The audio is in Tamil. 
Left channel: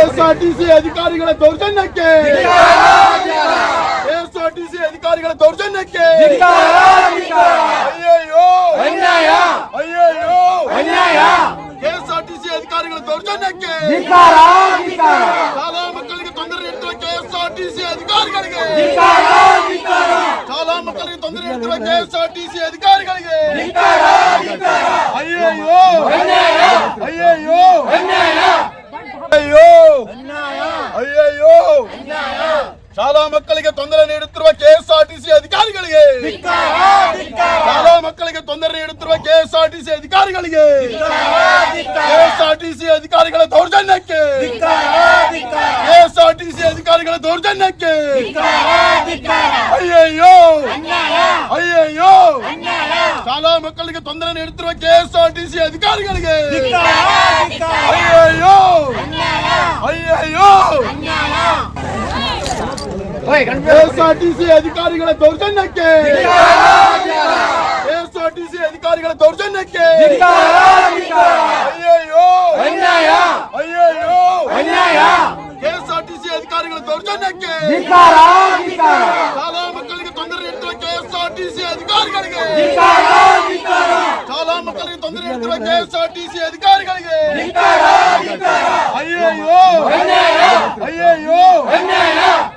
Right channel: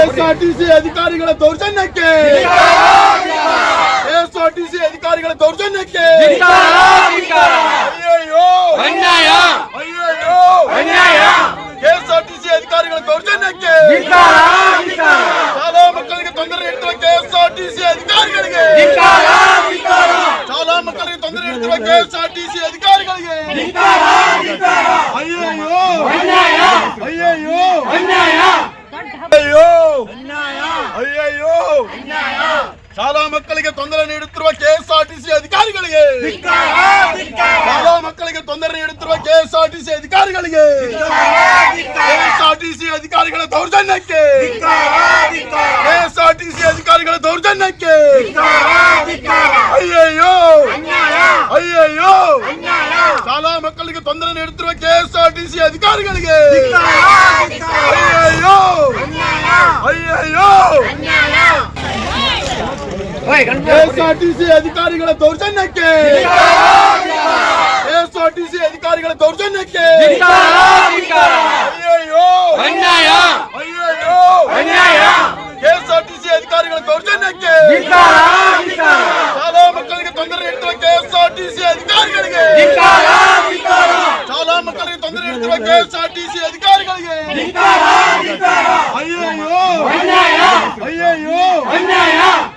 ಎಸ್ಆರ್ಟಿಸಿ ಅಧಿಕಾರಿಗಳ ದೌರ್ಜನ್ಯಕ್ಕೆ ಎಸ್ಆರ್ಟಿಸಿ ಅಧಿಕಾರಿಗಳ ದೌರ್ಜನ್ಯಕ್ಕೆ ಅಯ್ಯಯ್ಯೋ ಅನ್ಯಾಯ ಅಯ್ಯಯ್ಯೋ ಅನ್ಯಾಯ ಕೆಎಸ್ಆರ್ಟಿಸಿ ಅಧಿಕಾರಿಗಳ ದೌರ್ಜನ್ಯಕ್ಕೆ ಶಾಲಾ ಮಕ್ಕಳಿಗೆ ತೊಂದರೆ ಇಟ್ಟಿರುವ ಕೆಎಸ್ಆರ್ಟಿಸಿ ಅಧಿಕಾರಿಗಳಿಗೆ ಶಾಲಾ ಮಕ್ಕಳಿಗೆ ತೊಂದರೆ ಇಟ್ಟಿರುವ ಕೆಎಸ್ಆರ್ಟಿಸಿ ಅಧಿಕಾರಿಗಳಿಗೆ ಅಯ್ಯಯ್ಯೋ ಅಯ್ಯಯ್ಯೋ ಅನ್ಯಾಯ சாலா மக்களுக்கு தொந்தரவு எடுத்துருவ கேஎஸ்ஆர்டிசி அதிகாரிகளுக்கு சாலா மக்களுக்கு தொந்தரவு எடுத்துருவ கேஎஸ்ஆர்டிசி அதிகாரிகளுக்கு கேஎஸ்ஆர்டிசி அதிகாரிகளை தௌர்ஜன்யக்கு கேஎஸ்ஆர்டிசி அதிகாரிகளை தௌர்ஜன்யக்கு ஐயோ ஐயோ சாலா மக்களுக்கு தொந்தரவு எடுத்துருவ கேஎஸ்ஆர்டிசி அதிகாரிகளுக்கு ஐயோ ஐயோ ஐயோ ఏఎస్ఆర్టీసీ అధికారుల దౌర్జన్యకి ఏఎస్ఆర్టీసీ అధికారుల దౌర్జన్యకి అయ్యయ్యో అన్యాయ అయ్యయ్యో అన్యాయ ఏఎస్ఆర్టీసీ అధికారుల దౌర్జన్యకి చాలా మక్కలకి తొందర ఇంటర్ కేఎస్ఆర్టీసీ అధికారులకి చాలా మక్కలకి తొందర ఇంటర్ కేఎస్ఆర్టీసీ అధికారులకి అయ్యయ్యో అన్యాయ అయ్యయ్యో అన్యాయ